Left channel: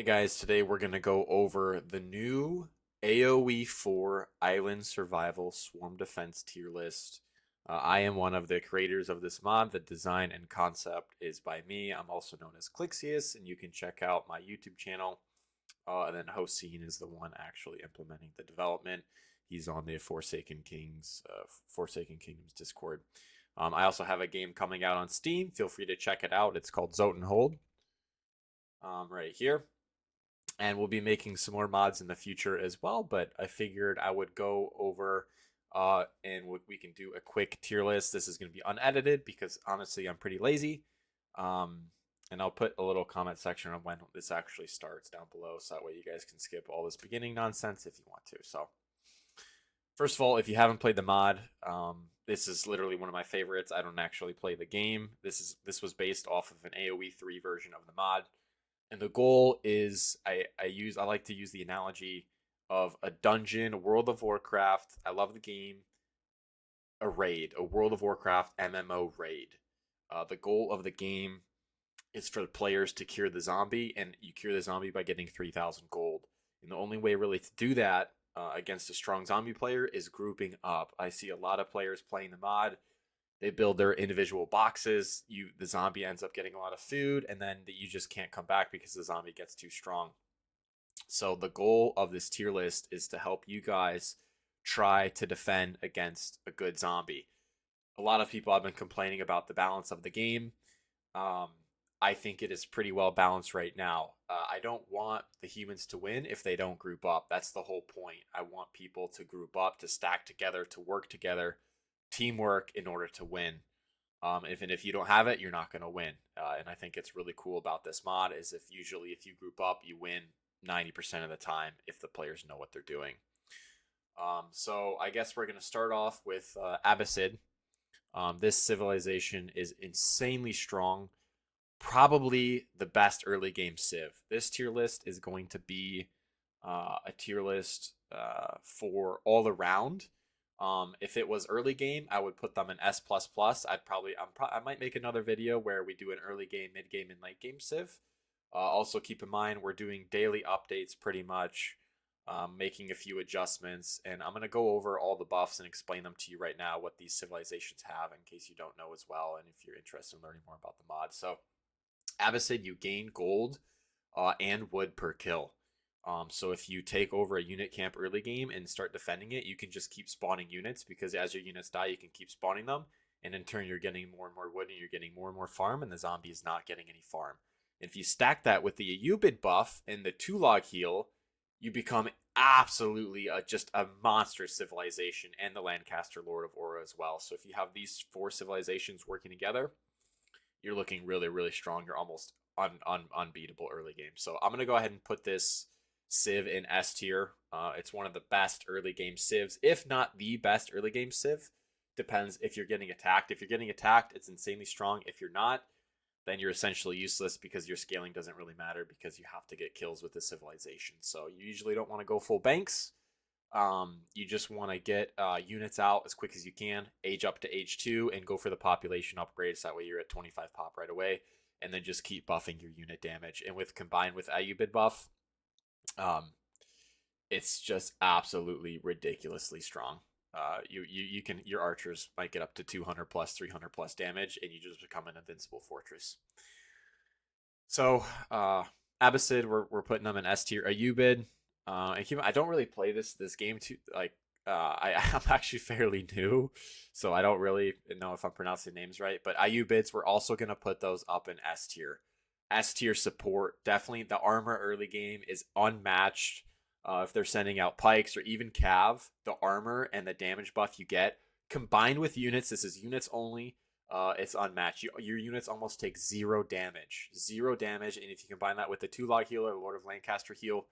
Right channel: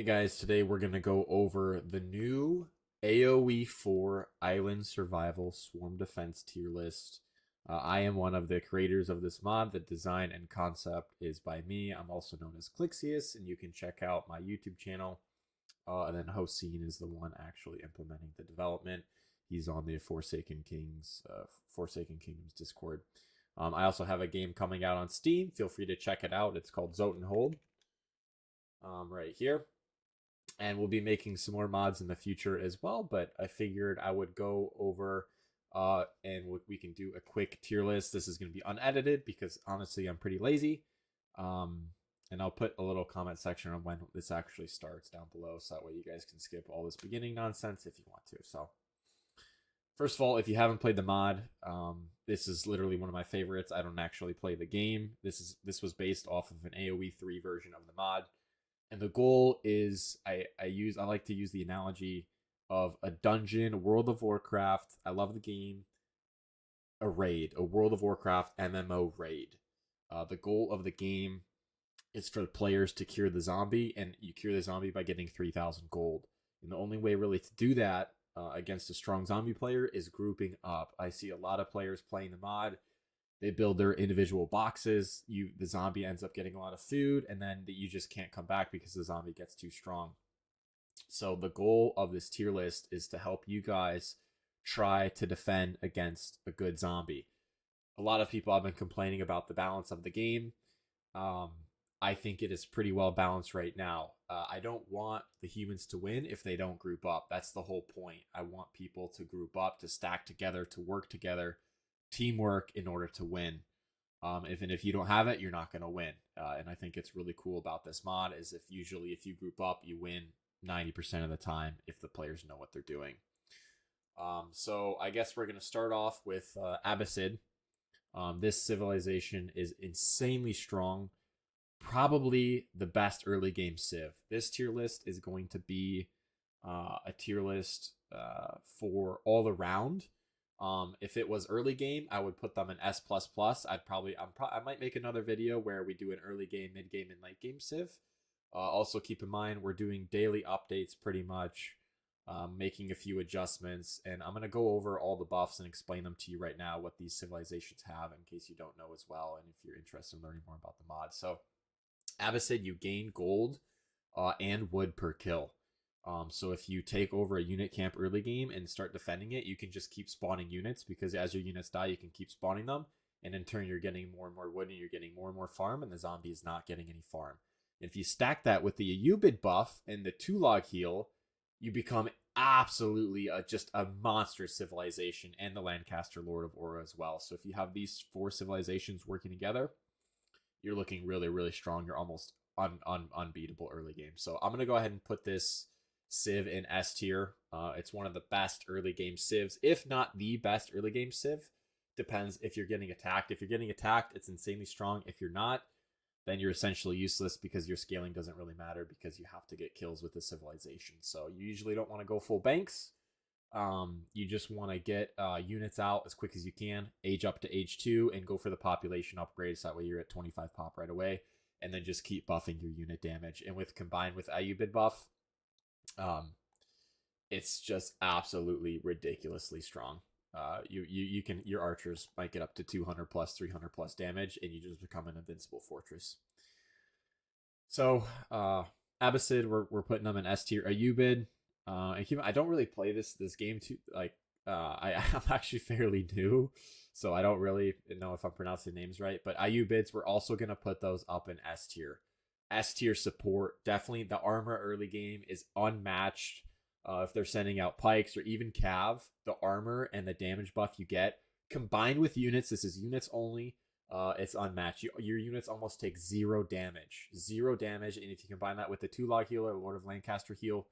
Hey guys, today we're going to go over the new AOE4 Island Survival Swarm Defense tier list. I am one of the creators of this mod. The design and concept is by me. I'm also known as Clyxius, and you can check out my YouTube channel. And then Hossein is the one actually implementing the development. He's on the Forsaken Kingdoms Discord. I also have a game coming out on Steam. Feel free to check it out. It's called Zoten Hold. Right here, and we'll be making some more mods in the future as well, but I figured I would go over and we can do a quick tier list. This is going to be unedited because honestly I'm pretty lazy. um, and I'll put a little comment section on when this actually starts down below, so that way you guys can skip all this beginning nonsense if you want to. So first of all, if you haven't played the mod, this is literally one of my favorites. I don't actually play the game. This was based off of an AOE3 version of the mod, and the goal is I like to use the analogy of a dungeon, World of Warcraft. I love the game. A World of Warcraft MMO raid. The goal of the game is for the players to cure the zombie, and you cure the zombie by getting 3,000 gold. And the only way really to do that against a strong zombie player is grouping up. I see a lot of players playing the mod. They build their individual boxes. The zombie ends up getting a lot of food, and then you just can't come back because the zombie gets too strong. So the goal of this tier list is to help you guys try to defend against a good zombie. A lot of people have been complaining about the balance of the game. Um, I think it is pretty well balanced right now. I don't want the humans to win if they don't group up. That's the whole point. I want people to group up, to stack together, to work together, teamwork in order to win. If you don't have it, you're not going to win. And I think it's really cool about this mod is if you group up, you win 90% of the time if the players know what they're doing. So I guess we're going to start off with Abbasid. This civilization is insanely strong. Probably the best early game civ. This tier list is going to be a tier list for all around. If it was early game, I would put them in S++. I might make another video where we do an early game, mid game, and late game civ. Also keep in mind we're doing daily updates pretty much, making a few adjustments, and I'm going to go over all the buffs and explain them to you right now, what these civilizations have in case you don't know as well, and if you're interested in learning more about the mod. So Abbasid, you gain gold and wood per kill. So if you take over a unit camp early game and start defending it, you can just keep spawning units, because as your units die, you can keep spawning them, and in turn you're getting more and more wood and you're getting more and more farm, and the zombie is not getting any farm. If you stack that with the Ayubid buff and the 2-log heal, you become absolutely just a monster civilization, and the Lancaster Lord of Aura as well. So if you have these 4 civilizations working together, you're looking really, really strong. You're almost unbeatable early game. So I'm going to go ahead and put this Civ in S tier. It's one of the best early game Civs, if not the best early game Civ. Depends if you're getting attacked. If you're getting attacked, it's insanely strong. If you're not, then you're essentially useless, because your scaling doesn't really matter, because you have to get kills with the civilization. So you usually don't want to go full banks. You just want to get units out as quick as you can, age up to age 2, and go for the population upgrades. That way you're at 25 pop right away, and then just keep buffing your unit damage. And combined with Ayubid buff, it's just absolutely ridiculously strong. Your archers might get up to 200 plus, 300 plus damage, and you just become an invincible fortress. So Abbasid, we're putting them in S tier. Ayubid, I don't really play this game too. I'm actually fairly new, so I don't really know if I'm pronouncing names right. But Ayubids, we're also gonna put those up in S tier. S tier support, definitely. The armor early game is unmatched. If they're sending out pikes or even cav, the armor and the damage buff you get combined with units. This is units only. It's unmatched. Your units almost take 0 damage. 0 damage, and if you combine that with the 2-log healer, Lord of Lancaster heal,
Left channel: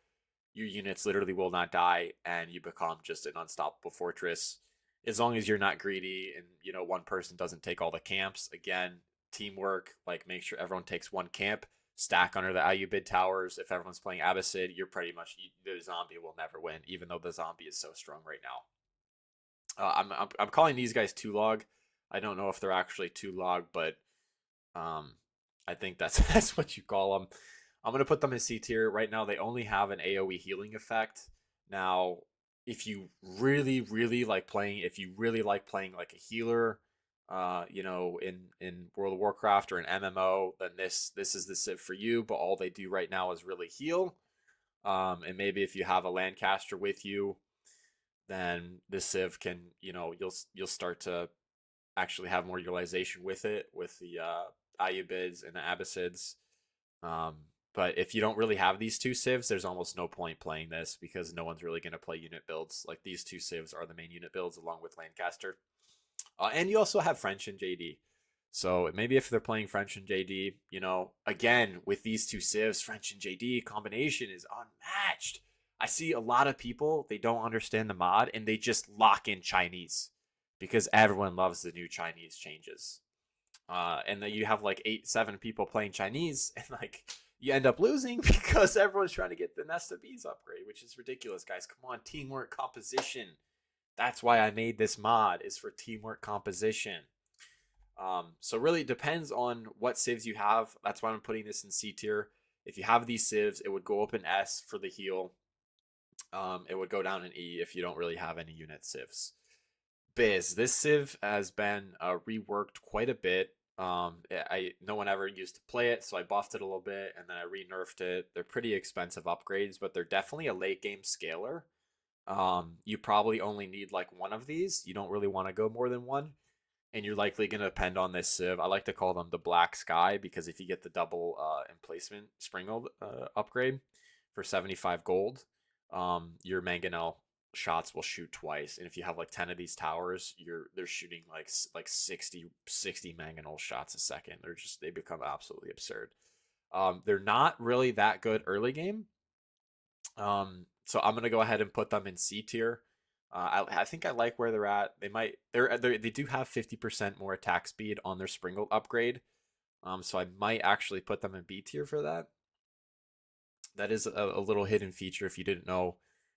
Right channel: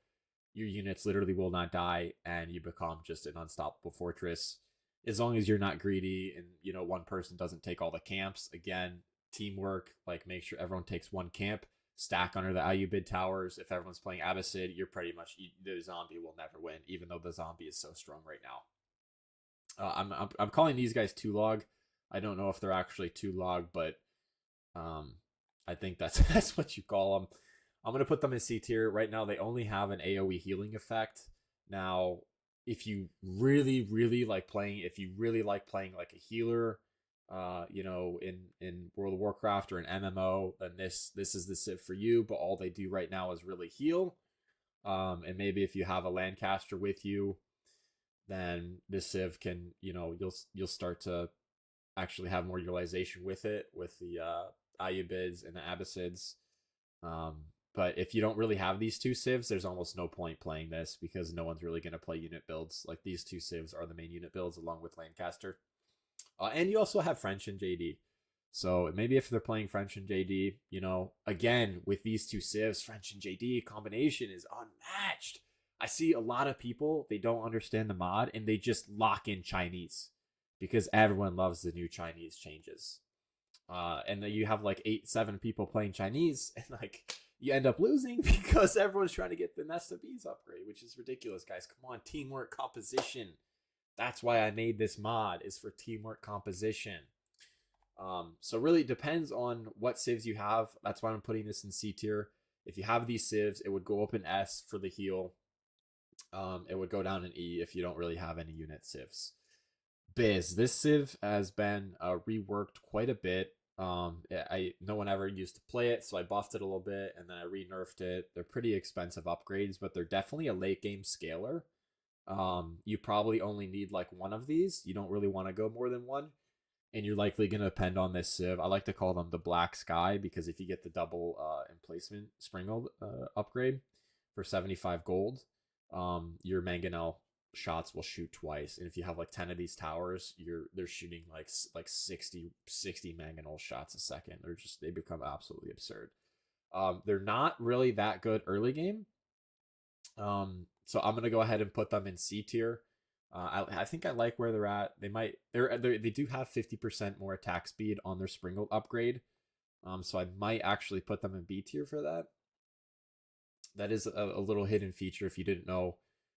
your units literally will not die, and you become just an unstoppable fortress. As long as you're not greedy and one person doesn't take all the camps. Again, teamwork, like make sure everyone takes 1 camp, stack under the Ayubid towers. If everyone's playing Abbasid, you're pretty much, the zombie will never win, even though the zombie is so strong right now. I'm calling these guys 2-log. I don't know if they're actually 2-log, but I think that's that's what you call them. I'm gonna put them in C tier right now. They only have an AOE healing effect. Now, if you really like playing, if you really like playing like a healer, in World of Warcraft or an MMO, then this is the civ for you. But all they do right now is really heal. And maybe if you have a Lancaster with you, then the civ can, you'll start to actually have more utilization with it with the Ayubids and the Abbasids. Um, but if you don't really have these two civs, there's almost no point playing this because no one's really going to play unit builds. Like these two civs are the main unit builds along with Lancaster. And you also have French and JD. So maybe if they're playing French and JD, again, with these two civs, French and JD combination is unmatched. I see a lot of people, they don't understand the mod and they just lock in Chinese because everyone loves the new Chinese changes. And then you have like 7 people playing Chinese, and like you end up losing because everyone's trying to get the Nest of Bees upgrade, which is ridiculous, guys. Come on, teamwork composition. That's why I made this mod, is for teamwork composition. So really depends on what civs you have. That's why I'm putting this in C tier. If you have these civs, it would go up in S for the heal. It would go down in E if you don't really have any unit civs. Biz, this civ has been reworked quite a bit. No one ever used to play it, so I buffed it a little bit and then I re-nerfed it. They're pretty expensive upgrades, but they're definitely a late game scaler. You probably only need like one of these. You don't really want to go more than one, and you're likely going to depend on this civ. I like to call them the Black Sky because if you get the double emplacement Springald upgrade for 75 gold, your Mangonel shots will shoot twice, and if you have like 10 of these towers, they're shooting like 60 Mangonel shots a second. They become absolutely absurd. They're not really that good early game. So I'm gonna go ahead and put them in C tier. I think I like where they're at. They do have 50% more attack speed on their Springald upgrade. So I might actually put them in B tier for that. That is a little hidden feature if you didn't know.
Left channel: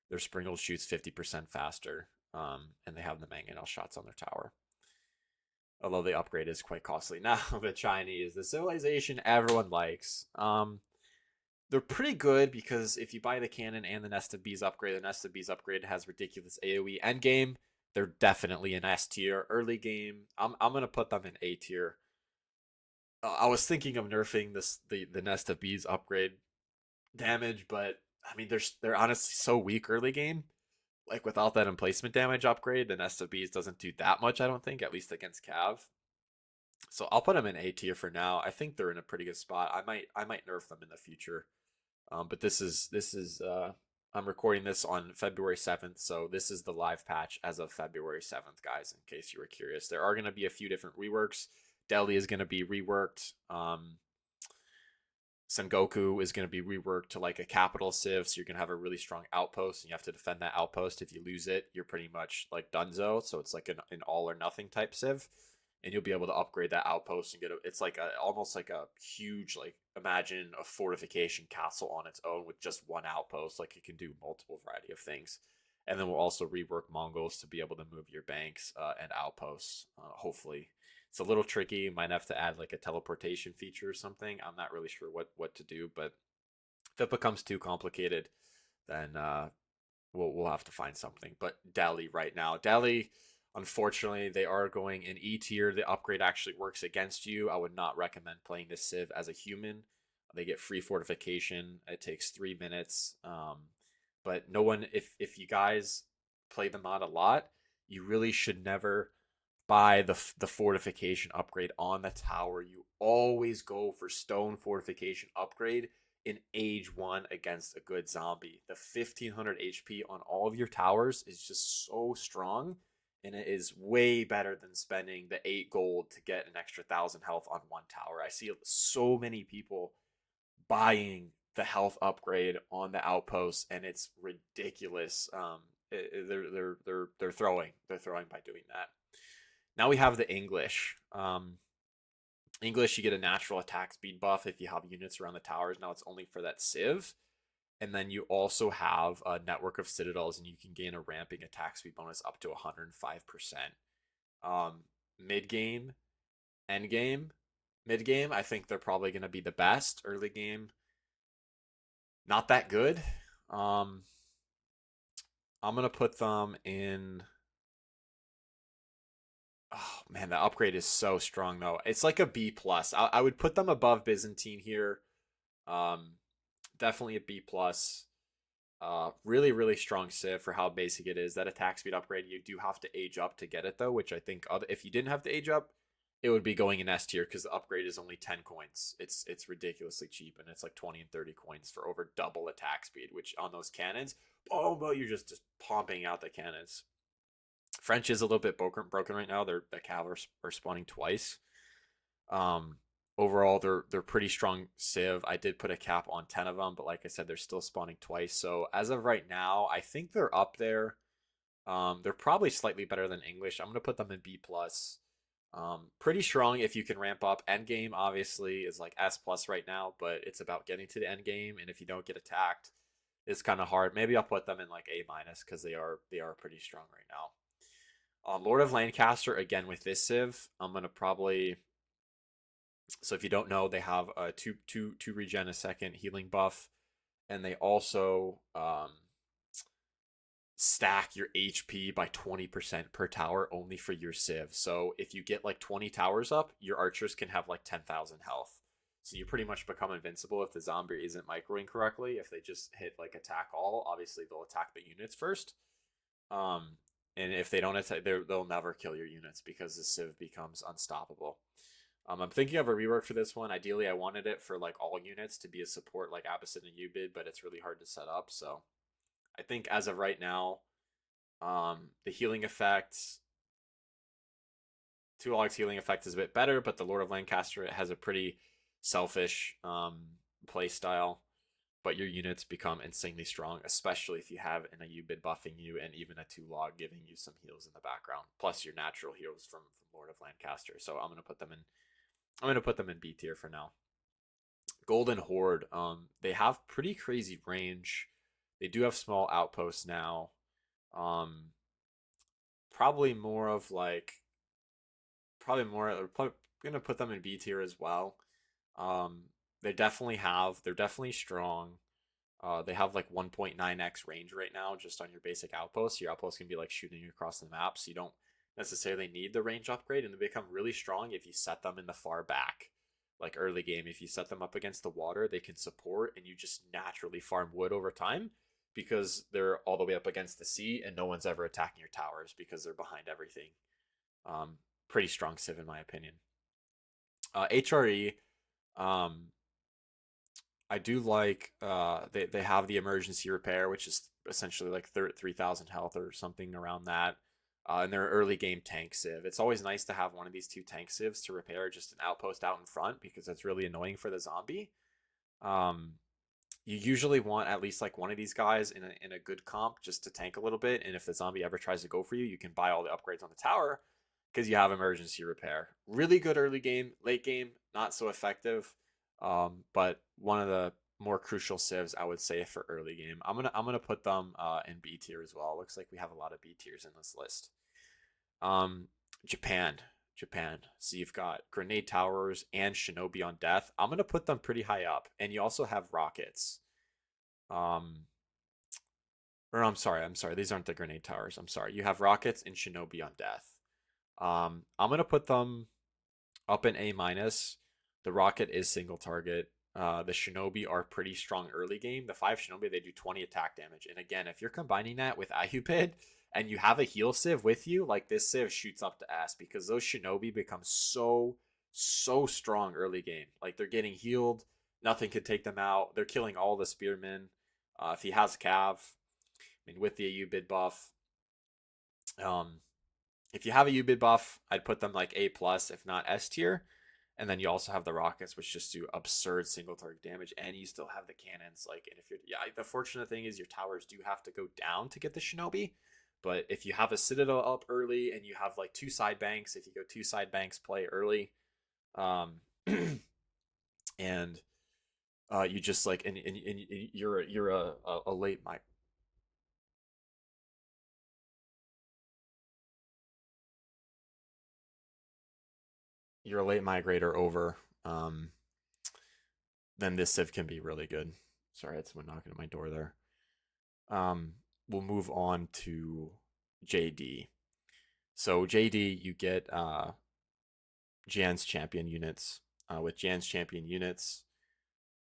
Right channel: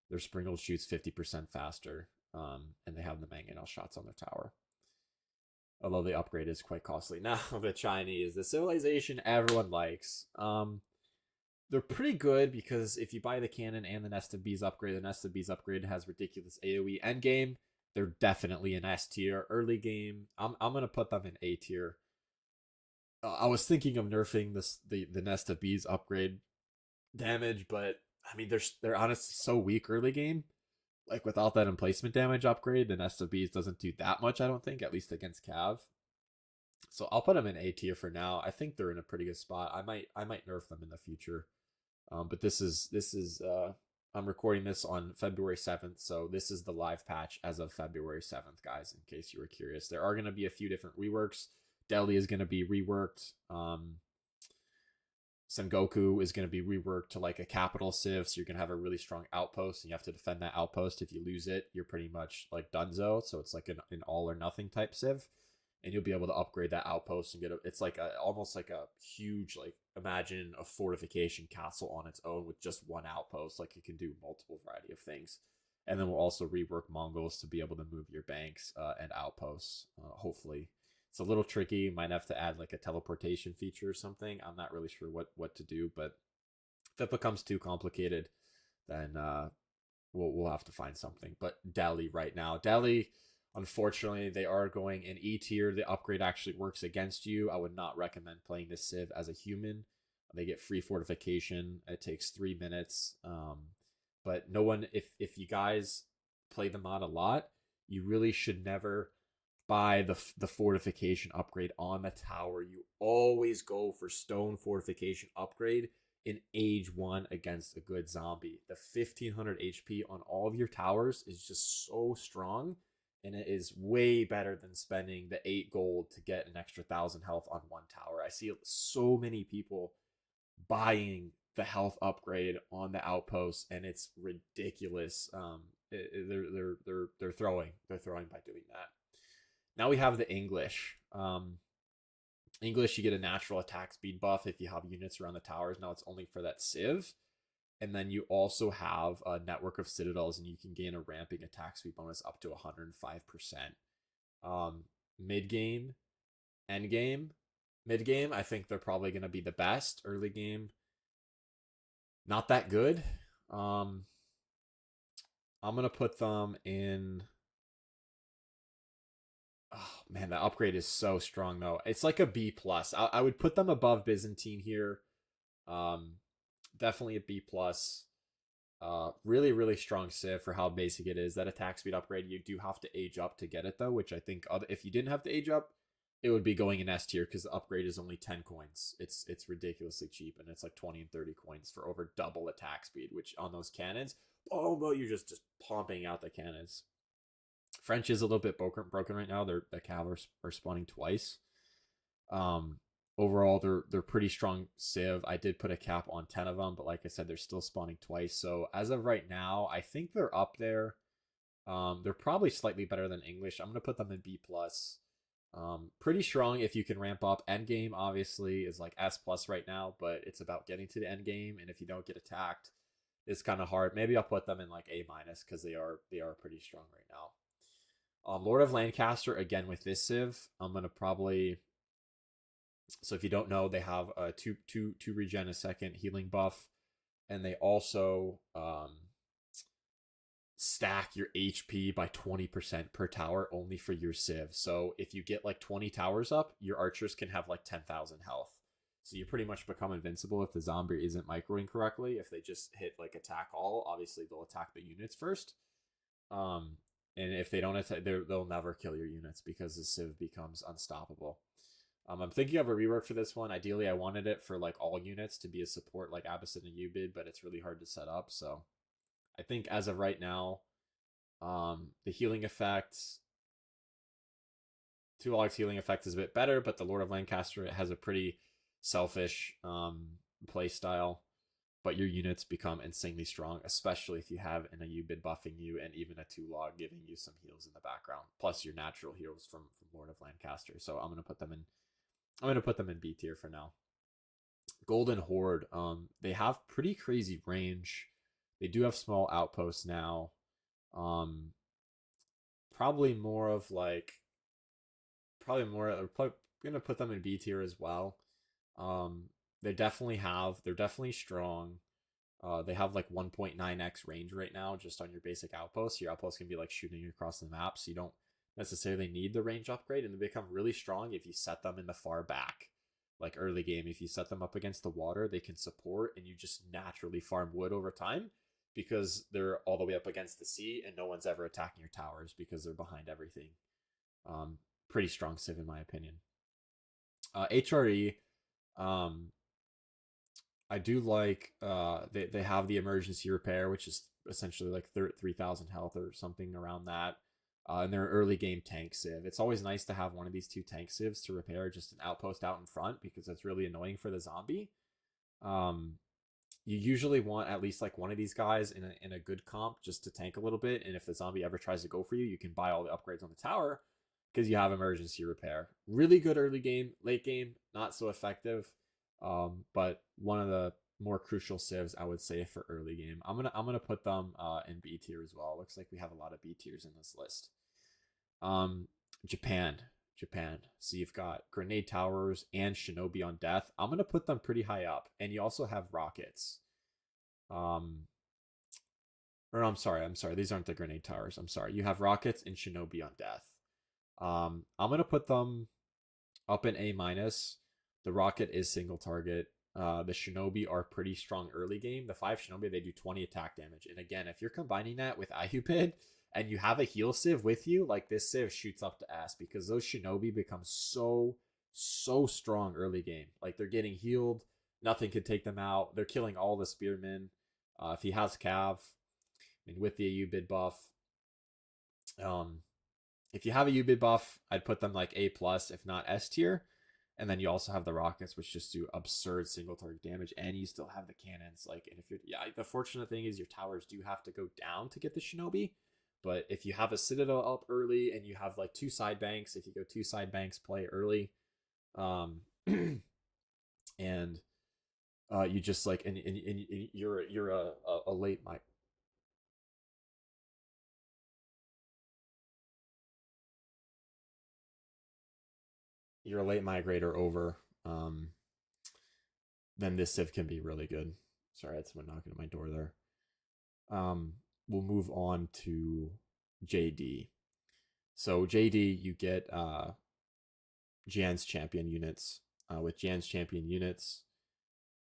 Their Springald shoots 50% faster, and they have the Mangonel shots on their tower. Although the upgrade is quite costly. Now the Chinese, the civilization everyone likes. They're pretty good because if you buy the cannon and the Nest of Bees upgrade, the Nest of Bees upgrade has ridiculous AoE endgame. They're definitely an S tier. Early game, I'm gonna put them in A tier. I was thinking of nerfing the Nest of Bees upgrade damage, but I mean they're honestly so weak early game. Like without that emplacement damage upgrade, the Nest of Bees doesn't do that much. I don't think, at least against Cav. So I'll put them in A tier for now. I think they're in a pretty good spot. I might nerf them in the future. But this is I'm recording this on February 7th, so this is the live patch as of February 7th, guys. In case you were curious, there are going to be a few different reworks. Delhi is going to be reworked. Sengoku is going to be reworked to like a capital civ, so you're going to have a really strong outpost, and you have to defend that outpost. If you lose it, you're pretty much like donezo. So it's like an all or nothing type civ, and you'll be able to upgrade that outpost and it's like almost like a huge, like, imagine a fortification castle on its own with just one outpost. Like it can do multiple variety of things, and then we'll also rework Mongols to be able to move your banks and outposts. Hopefully, it's a little tricky. Might have to add like a teleportation feature or something. I'm not really sure what to do, but if it becomes too complicated, then we'll have to find something. But Delhi right now, unfortunately, they are going in E tier. The upgrade actually works against you. I would not recommend playing this civ as a human. They get free fortification. It takes 3 minutes. But no one, if you guys play the mod a lot, you really should never buy the fortification upgrade on the tower. You always go for stone fortification upgrade in age 1 against a good zombie. The 1500 HP on all of your towers is just so strong, and it is way better than spending the 8 gold to get an extra 1000 health on one tower. I see so many people buying the health upgrade on the outposts, and it's ridiculous. They're throwing by doing that. Now we have the English. English, you get a natural attack speed buff if you have units around the towers. Now it's only for that civ. And then you also have a network of citadels, and you can gain a ramping attack speed bonus up to 105%. Mid game, end game, mid game, I think they're probably going to be the best. Early game, not that good. Um, I'm gonna put them in. Oh man, the upgrade is so strong though. It's like a B plus. I would put them above Byzantine here. Um, definitely a B plus. Really, really strong civ for how basic it is. That attack speed upgrade, you do have to age up to get it though, which I think if you didn't have to age up, it would be going in S tier because the upgrade is only 10 coins. It's ridiculously cheap, and it's like 20 and 30 coins for over double attack speed, which on those cannons, oh well, you're just pumping out the cannons. French is a little bit broken right now. The cav are spawning twice. Um, overall, they're pretty strong civ. I did put a cap on 10 of them, but like I said, they're still spawning twice. So as of right now, I think they're up there. They're probably slightly better than English. I'm gonna put them in B plus. Pretty strong if you can ramp up. End game obviously is like S plus right now, but it's about getting to the end game, and if you don't get attacked, it's kind of hard. Maybe I'll put them in like A minus because they are pretty strong right now. Lord of Lancaster again with this civ. I'm gonna probably, so if you don't know, they have a two regen a second healing buff, and they also stack your HP by 20% per tower only for your civ. So if you get like 20 towers up, your archers can have like 10,000 health. So you pretty much become invincible if the zombie isn't microing correctly. If they just hit like attack all, obviously they'll attack the units first. Um, and if they don't attack, they'll never kill your units because the civ becomes unstoppable. I'm thinking of a rework for this one. Ideally, I wanted it for like all units to be a support like Abyssin and Ubid, but it's really hard to set up. So I think as of right now, the healing effect, Two Logs healing effect is a bit better, but the Lord of Lancaster has a pretty selfish play style. But your units become insanely strong, especially if you have an Ayubid buffing you and even a 2 log giving you some heals in the background, plus your natural heals from Lord of Lancaster. So I'm gonna put them in B tier for now. Golden Horde, they have pretty crazy range. They do have small outposts now. Um, probably more of like probably gonna put them in B tier as well. Um, they're definitely strong. They have like 1.9x range right now just on your basic outpost. Your outpost can be like shooting across the map, so you don't necessarily need the range upgrade, and they become really strong if you set them in the far back. Like early game, if you set them up against the water, they can support, and you just naturally farm wood over time because they're all the way up against the sea, and no one's ever attacking your towers because they're behind everything. Um, Pretty strong civ in my opinion. HRE, um, I do like they have the emergency repair, which is essentially like 3,000 health or something around that. And their early game tank civ. It's always nice to have one of these two tank civs to repair just an outpost out in front because it's really annoying for the zombie. Um, you usually want at least like one of these guys in a good comp just to tank a little bit. And if the zombie ever tries to go for you, you can buy all the upgrades on the tower because you have emergency repair. Really good early game, late game, not so effective. But one of the more crucial civs I would say for early game. I'm gonna put them in B tier as well. Looks like we have a lot of B tiers in this list. Um, Japan. Japan. So you've got grenade towers and shinobi on death. I'm gonna put them pretty high up, and you also have rockets. Um, or I'm sorry. These aren't the grenade towers. I'm sorry. You have rockets and shinobi on death. I'm gonna put them up in A minus. The rocket is single target. The shinobi are pretty strong early game. The 5 shinobi, they do 20 attack damage. And again, if you're combining that with Ayupid and you have a heal civ with you, like this civ shoots up to S because those shinobi become so strong early game. Like they're getting healed, nothing could take them out. They're killing all the spearmen. If he has cav, I mean with the Ayubid buff, um, if you have a Ubid buff, I'd put them like A plus, if not S tier. And then you also have the rockets, which just do absurd single target damage, and you still have the cannons. Like, and if you're, yeah, the fortunate thing is your towers do have to go down to get the shinobi. But if you have a citadel up early and you have like 2 side banks, if you go 2 side banks, play early, um, and you just like, and you're a late you're a late migrator over, then this civ can be really good. Sorry, I had someone knocking at my door there. Um, we'll move on to JD. So JD, you get Jan's champion units. With Jan's champion units,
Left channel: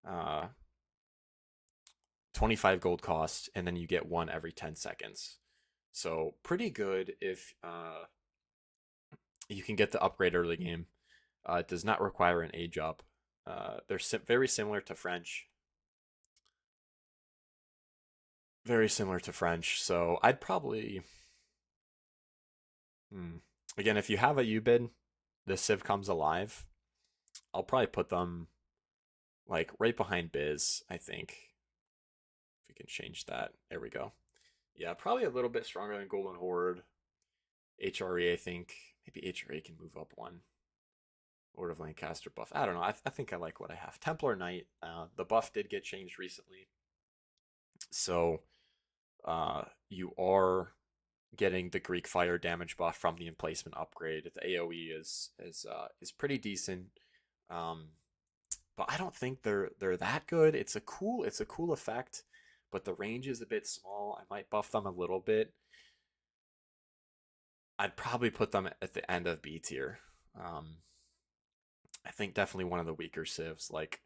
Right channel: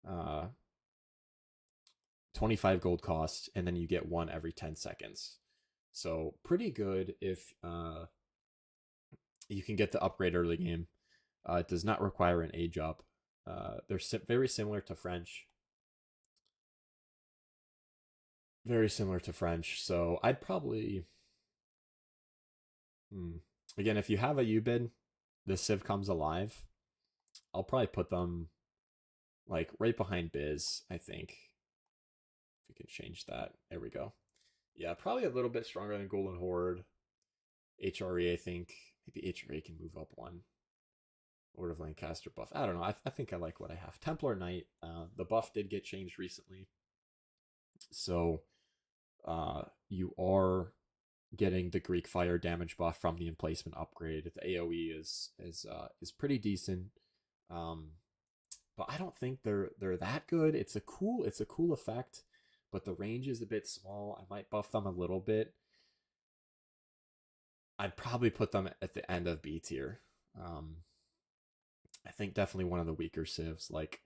uh, 25 gold cost, and then you get one every 10 seconds. So pretty good if you can get the upgrade early game. It does not require an age up. They're very similar to French. Very similar to French. So I'd probably. Hmm. Again, if you have a U-bid, the Civ comes alive. I'll probably put them like right behind Biz, I think. If we can change that. There we go. Yeah, probably a little bit stronger than Golden Horde. HRE, I think. Maybe HRE can move up one. Lord of Lancaster buff. I don't know. I think I like what I have. Templar Knight. The buff did get changed recently. So you are getting the Greek fire damage buff from the emplacement upgrade. The AOE is pretty decent. Um, but I don't think they're that good. It's a cool effect, but the range is a bit small. I might buff them a little bit. I'd probably put them at the end of B tier. I think definitely one of the weaker civs. Like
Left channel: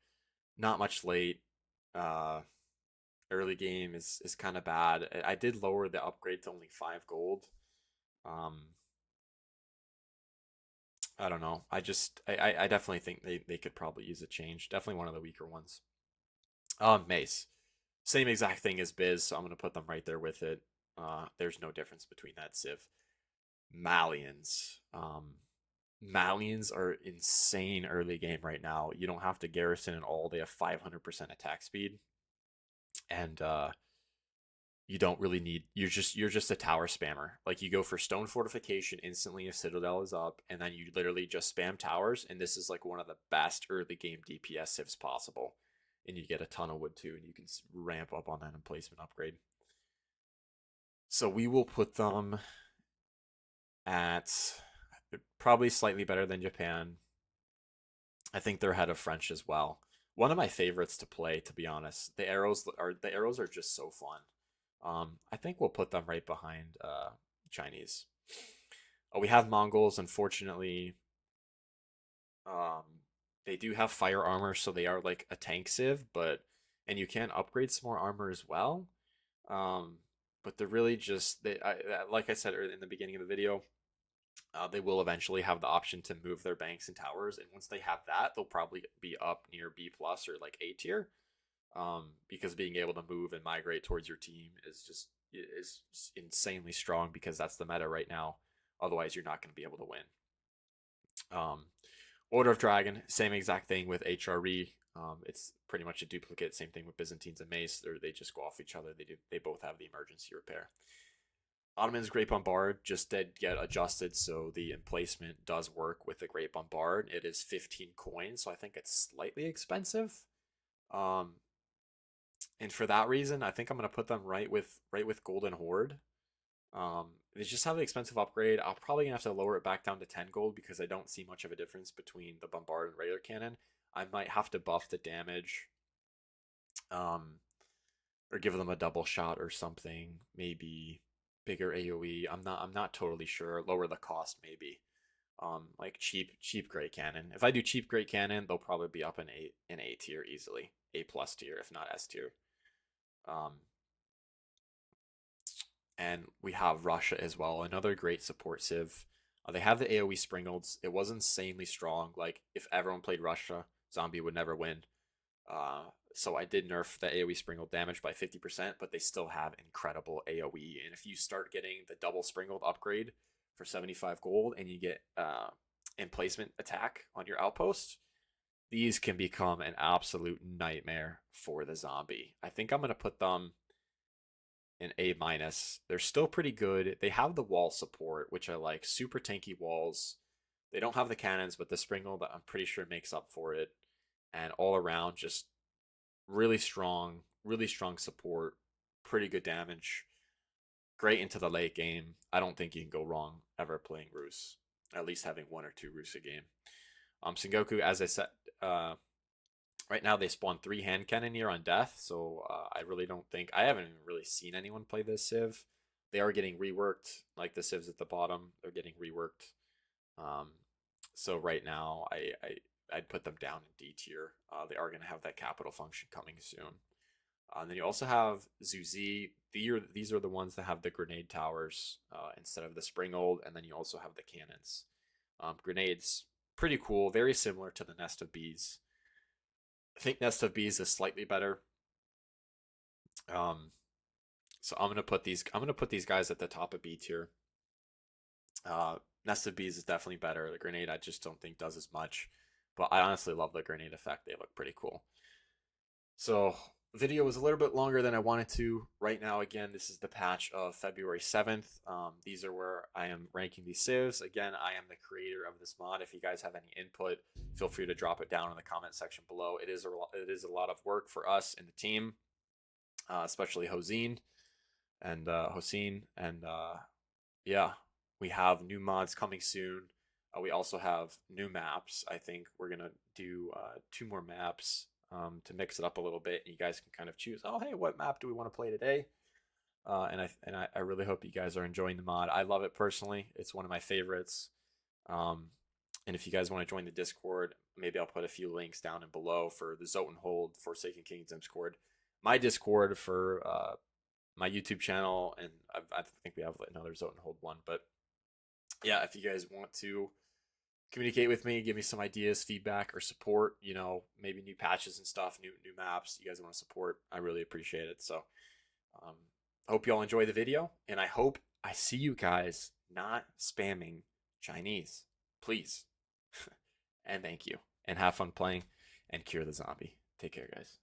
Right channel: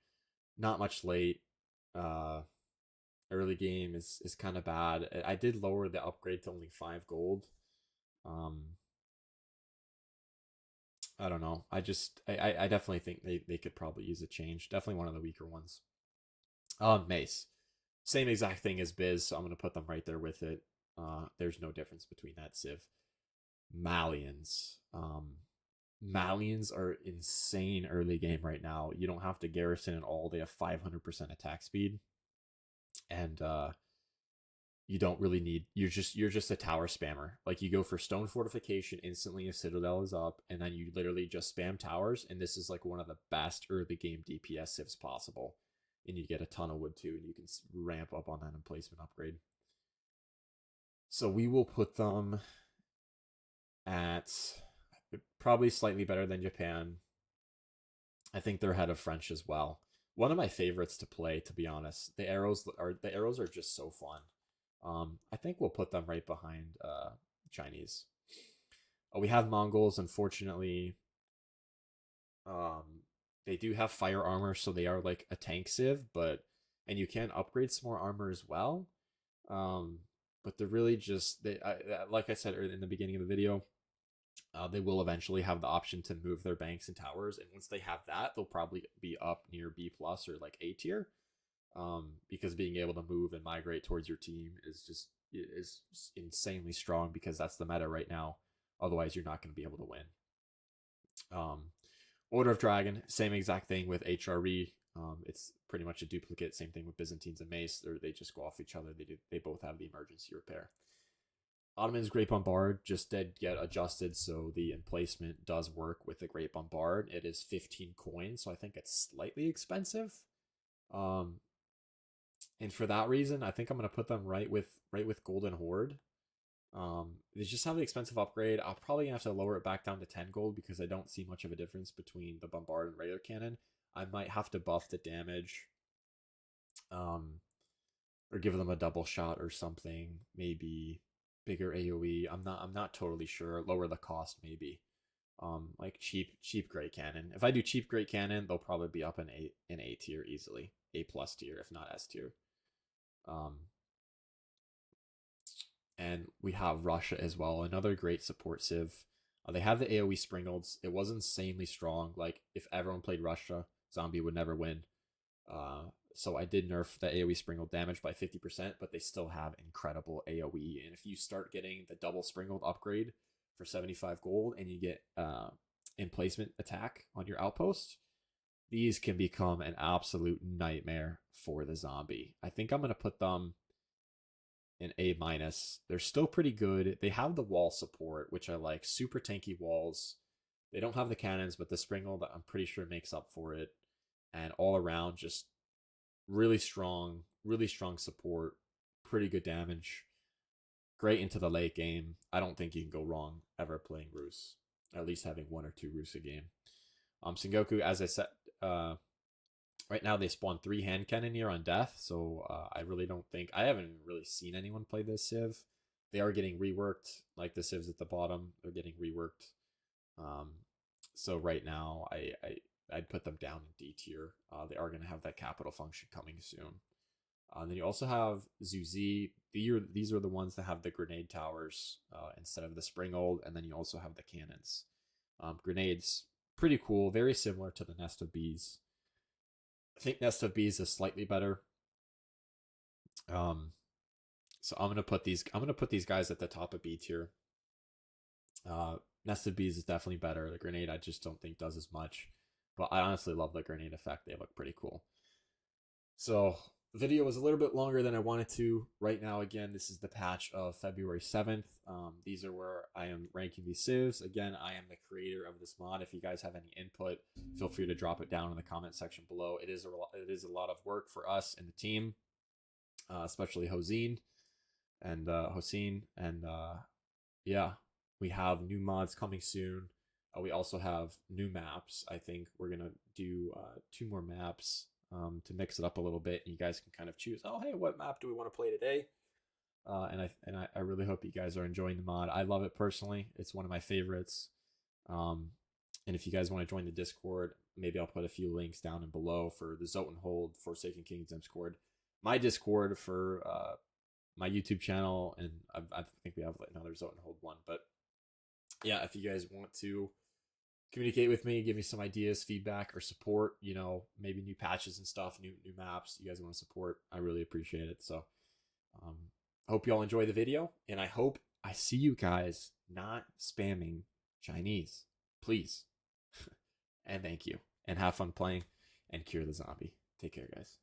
not much late. Uh, Early game is kind of bad. I did lower the upgrade to only 5 gold. Um, I don't know. I definitely think they could probably use a change. Definitely one of the weaker ones. Mace. Same exact thing as Biz, so I'm gonna put them right there with it. There's no difference between that Civ. Malians. Malians are insane early game right now. You don't have to garrison at all. They have 500% attack speed, and you don't really need. You're just a tower spammer. Like you go for stone fortification instantly if Citadel is up, and then you literally just spam towers. And this is like one of the best early game DPS civs possible. And you get a ton of wood too, and you can ramp up on that emplacement upgrade. So we will put them at probably slightly better than Japan. I think they're ahead of French as well. One of my favorites to play, to be honest. The arrows are just so fun. I think we'll put them right behind Chinese. We have Mongols, unfortunately. Um, they do have fire armor, so they are like a tank civ, but and you can upgrade some more armor as well. Um, but they're really just like I said in the beginning of the video, they will eventually have the option to move their banks and towers, and once they have that, they'll probably be up near B plus or like A tier. Because being able to move and migrate towards your team is insanely strong because that's the meta right now. Otherwise, you're not going to be able to win. Um, Order of Dragon, same exact thing with HRE. It's pretty much a duplicate. Same thing with Byzantines and Mace. They just go off each other. They both have the emergency repair. Ottoman's Great Bombard just did get adjusted, so the emplacement does work with the Great Bombard. It is 15 coins, so I think it's slightly expensive. Um, and for that reason, I think I'm gonna put them right with Golden Horde. They just have an expensive upgrade. I'll probably gonna have to lower it back down to 10 gold because I don't see much of a difference between the Bombard and regular cannon. I might have to buff the damage, um, or give them a double shot or something. Maybe bigger AOE. I'm not totally sure. Lower the cost maybe. Like cheap great cannon. If I do cheap great cannon, they'll probably be up in A tier easily, A plus tier if not S tier. Um, and we have Russia as well, another great support civ. They have the AOE Springalds. It was insanely strong. Like if everyone played Russia, Zombie would never win. So I did nerf the AOE Springald damage by 50%, but they still have incredible AOE. And if you start getting the double Springald upgrade for 75 gold and you get emplacement attack on your outpost, these can become an absolute nightmare for the zombie. I think I'm going to put them in A minus. They're still pretty good. They have the wall support, which I like. Super tanky walls. They don't have the cannons, but the Springald I'm pretty sure makes up for it. And all around, just really strong support. Pretty good damage. Great into the late game. I don't think you can go wrong ever playing Rus. At least having one or two Rus a game. Sengoku, as I said, Right now they spawn 3 hand cannoneer on death, so I really don't think I haven't really seen anyone play this civ. They are getting reworked, like the civs at the bottom. They're getting reworked. Um, so right now I'd put them down in D tier. They are going to have that capital function coming soon. And then you also have Zuzi. These are the ones that have the grenade towers instead of the spring old, and then you also have the cannons. Grenades, pretty cool, very similar to the Nest of Bees. I think Nest of Bees is slightly better. Um, so I'm gonna put these guys at the top of B tier. Nest of Bees is definitely better. The grenade I just don't think does as much, but I honestly love the grenade effect. They look pretty cool. So video was a little bit longer than I wanted to. Right now, again, this is the patch of February 7th. These are where I am ranking these civs. Again, I am the creator of this mod. If you guys have any input, feel free to drop it down in the comment section below. It is a lot of work for us in the team, especially Hosine and Hosine. And yeah, we have new mods coming soon. We also have new maps. I think we're gonna do 2 more maps to mix it up a little bit. And you guys can kind of choose. Oh, hey, what map do we want to play today? I really hope you guys are enjoying the mod. I love it personally. It's one of my favorites. And if you guys want to join the Discord, maybe I'll put a few links down and below for the Zotenhold Forsaken Kingdoms Discord, my Discord for my YouTube channel, and I think we have another Zotenhold one. But yeah, if you guys want to communicate with me, give me some ideas, feedback, or support, maybe new patches and stuff, new maps you guys want to support, I really appreciate it. So um, hope you all enjoy the video, and I hope I see you guys not spamming Chinese, please. And thank you, and have fun playing and cure the zombie. Take care, guys.